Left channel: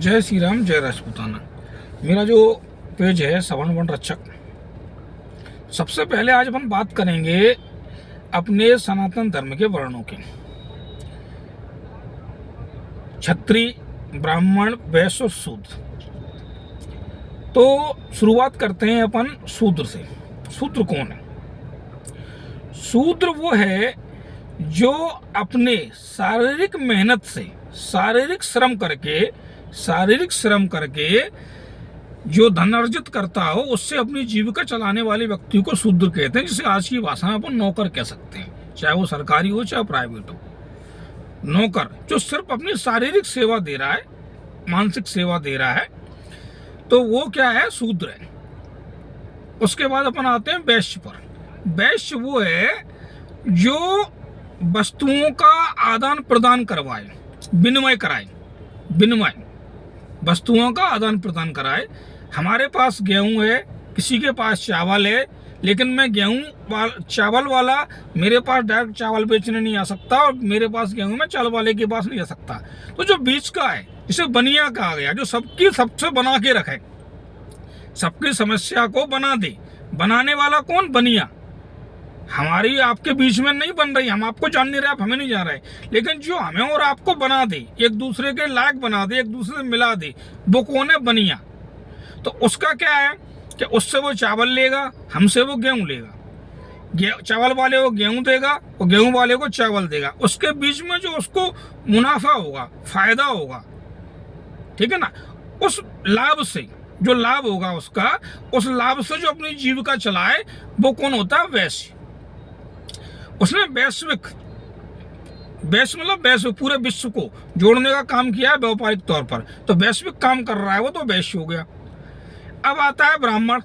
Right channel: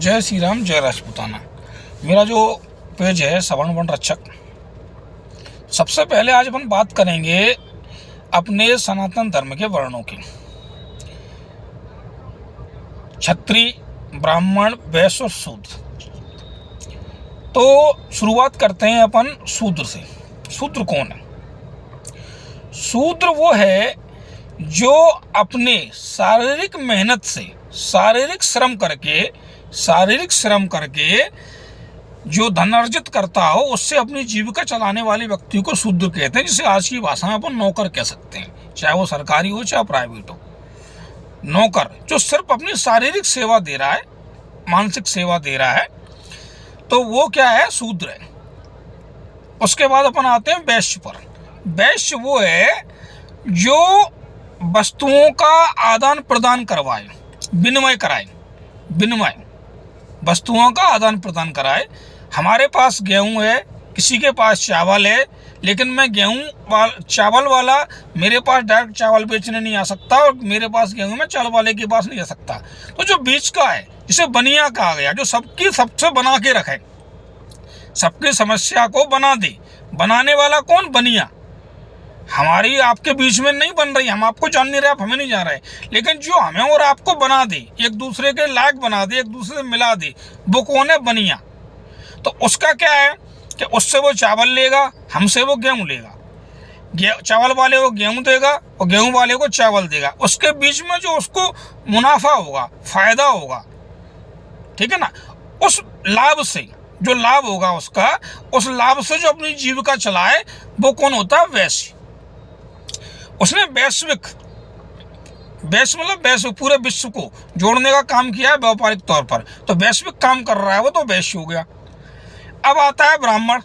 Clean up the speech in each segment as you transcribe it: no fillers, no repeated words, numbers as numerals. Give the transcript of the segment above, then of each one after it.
जय श्री राम, जय राजपूताना। मेरा जो पेज है सवर्ण वर्ण रक्षक। सबसे पहले आज अपन बात करेंगे अपने सनातन धर्म के वर्णों की। क्षत्रिय, ब्राह्मण, वैश्य और शूद्र। तो शुरुआत करते हैं अपन शूद्र से। शूद्र कौन है? शूद्र वो है जो अपने शारीरिक मेहनत से, शारीरिक श्रम करके जो धन अर्जित करता हो, उससे अपनी जीविका चलाने वाले व्यक्ति को शूद्र कहते हैं, जिसे आज की भाषा में अपन नौकर कह सकते हैं, चाहे वो सरकारी हो चाहे प्राइवेट हो। नौकर जो सिर्फ अपनी शारीरिक सेवा दे रहा है, मानसिक सेवा दे रहा है, तो वो क्या है? शूद्र है। उसके बाद अपन आते हैं वैश्य पर। वैश्य वो है जो वस्तुओं का आदान प्रदान करवाए, विनिमय कराए, वस्तुओं का आदान प्रदान कराए। हमारे पास गेहूं है, किसी के पास चावल है, लेकिन मैं चावल वाला मेरे पास डायरेक्ट चावल बेचने नहीं आ सकता, और मेरे पास गेहूं में चावल वाले के पास नहीं आ सकता। तो जो बीच का है, जिसे बनिया कहा गया, जो सबसे बना के रखे, सबकी समस्या को बना दे। बनाने वाला कौन? बनिया। हमारी आपके बीच में नहीं बन रही, हम आपको जान नहीं रहे, आप हमें नहीं जान रहे, लेकिन जो हमें और आपको बना दे, एक दूसरे के लायक बना दे, एक दूसरे से मिला दे, वो कौन है? बनिया। तो उसका क्या है कि उससे वो चावल लेगा, हमसे वो गेहूं लेगा। चावल वाले को गेहूं देगा और गेहूं वाले को चावल देगा। उसके बीच में जो उसको मुनाफा होगा, फायदा होगा, ठीक है ना, उस लाभ से, जो लाभ होगा उसका, उस लाभ से जो अपनी जीविका चलाए, वो कौन होता है? वैश्य। उसने वैश्विक मतलब वैश्विक पूरे विश्व को जोड़ने का काम किया है व्यापारिक तौर पर, तो वैश्विक काम कर रहा है वो, तो वैश्य हो गया। अब आता है ब्राह्मण।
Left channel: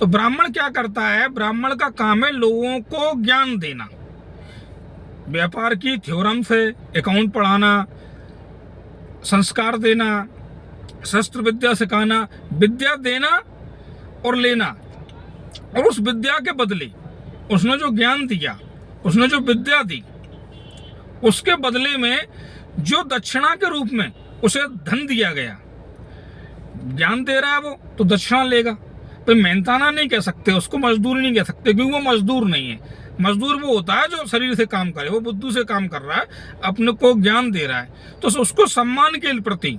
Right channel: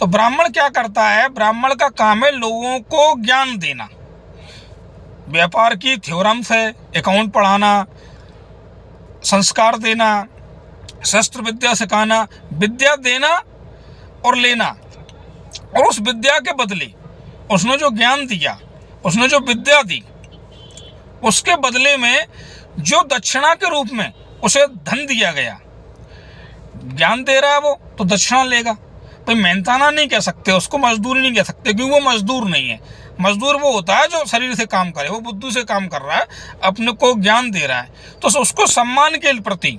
तो ब्राह्मण क्या करता है? ब्राह्मण का काम है लोगों को ज्ञान देना, व्यापार की थ्योरम्स है, अकाउंट पढ़ाना, संस्कार देना, शस्त्र विद्या सिखाना, विद्या देना और लेना। और उस विद्या के बदले उसने जो ज्ञान दिया, उसने जो विद्या दी, उसके बदले में जो दक्षिणा के रूप में उसे धन दिया गया, ज्ञान दे रहा है वो, तो दक्षिणा लेगा। तो मेहनताना नहीं कह सकते उसको, मजदूर नहीं कह सकते, क्योंकि वो मजदूर नहीं है। मजदूर वो होता है जो शरीर से काम करे, वो बुद्धि से काम कर रहा है, अपने को ज्ञान दे रहा है। तो उसको सम्मान के प्रति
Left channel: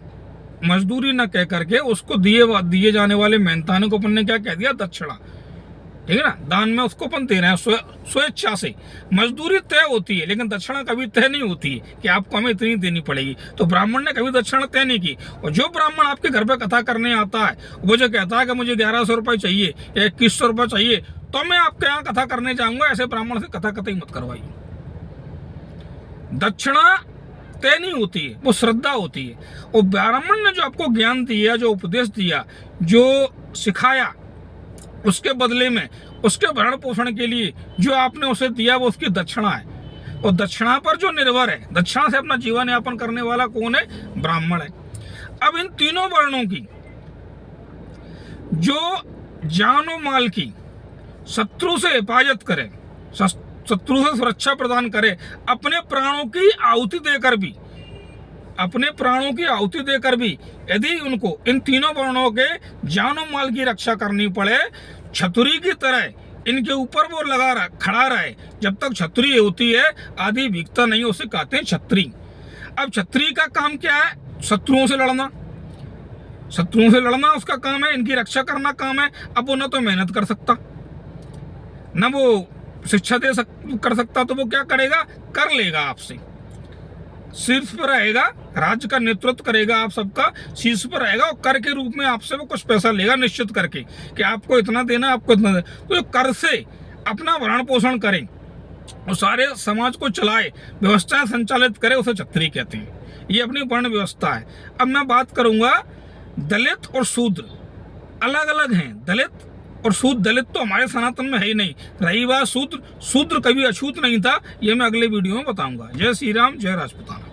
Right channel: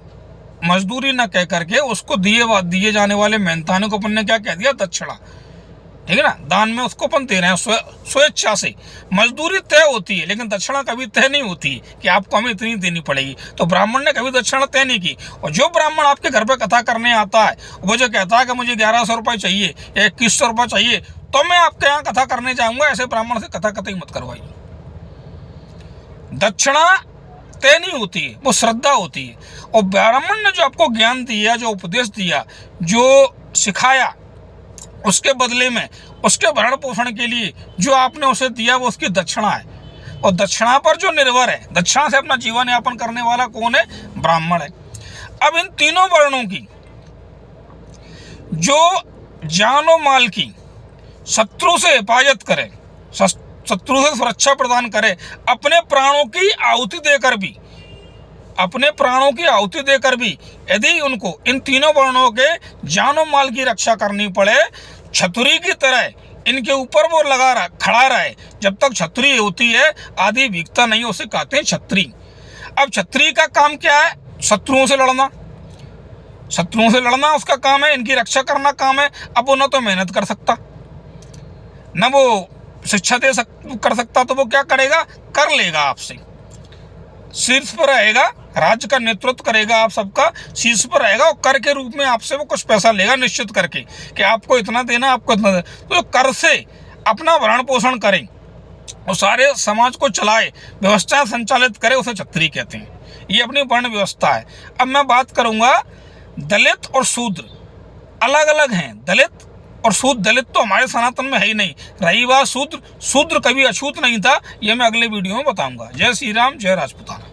मजदूरी न कह करके उसको दिए जाने वाले मेहनताने को अपन ने क्या कह दिया? दक्षिणा। ठीक है ना, दान में उसको अपन दे रहे हैं स्वेच्छा से। मजदूरी तय होती है, लेकिन दक्षिणा कभी तय नहीं होती है कि आपको हमें इतनी देनी पड़ेगी। तो ब्राह्मण ने कभी दक्षिणा तय नहीं की। और जो ब्राह्मण आपके घर पे कथा करने आता है, वो जो कहता है कि मुझे 1100 रुपये चाहिए या 2100 रुपये चाहिए, तो मैं आपके यहाँ कथा करने जाऊंगा, ऐसे ब्राह्मण से कथा कतई मत करवाइए। दक्षिणा तय नहीं होती है, वो श्रद्धा होती है। और ब्राह्मण ने जो आपको ज्ञान दिया, जो उपदेश दिया, जो सिखाया, उसके बदले में, उसके भरण पोषण के लिए जो आपने उसे दिया, वो उसकी दक्षिणा है। और दक्षिणा पर जो निर्भर है, दक्षिणा से अपना जीवन यापन करने वाला कौन है? ब्राह्मण है। अब इन तीनों वर्णों की जो जान और माल की शत्रु से हिफाजत करे, शत्रु से सुरक्षा प्रदान करे, अपने प्राणों की आहुति देकर भी यदि उनको इन तीनों वर्णों के जान और माल की रक्षा करनी पड़े, छतरी की तरह इनके ऊपर वो खड़ा रहे, जब तक छतरी होती है आदि भीगता नहीं, उसे कहते हैं छतरी। अब छतरी का काम क्या है? शत्रुओं से लड़ना उसका काम है, इनकी रक्षा करना काम है। अब वो ना तो मेहनत कर सकता, ना वो शिक्षा कर सकता, तो वो क्या करेगा? कर लेगा आपसे, शीर्ष पर रहेगा, राज्य का नेतृत्व करेगा, आप सबका शीर्ष पर रहेगा, और कर के रूप में आपसे वो कुछ पैसा लेगा निश्चित करके कि आपको इतना देना, आपको इतना देना। तो कर से अपना भरण पोषण करे और सारे समाज को चलाए, व्यवस्था संचालित करे, उसे छत्री कहते हैं। ये अपनी वर्ण व्यवस्था है। अब मैं बात करूंगा दलित और शूद्र। अलग अलग हैं दलित और शूद्र। दलित तो हमारे सनातन में है ही नहीं। रही बात शूद्र कभी अछूत नहीं था, ये मैं अगले वीडियो में बताऊंगा। जय श्री राम, जय राजपूताना।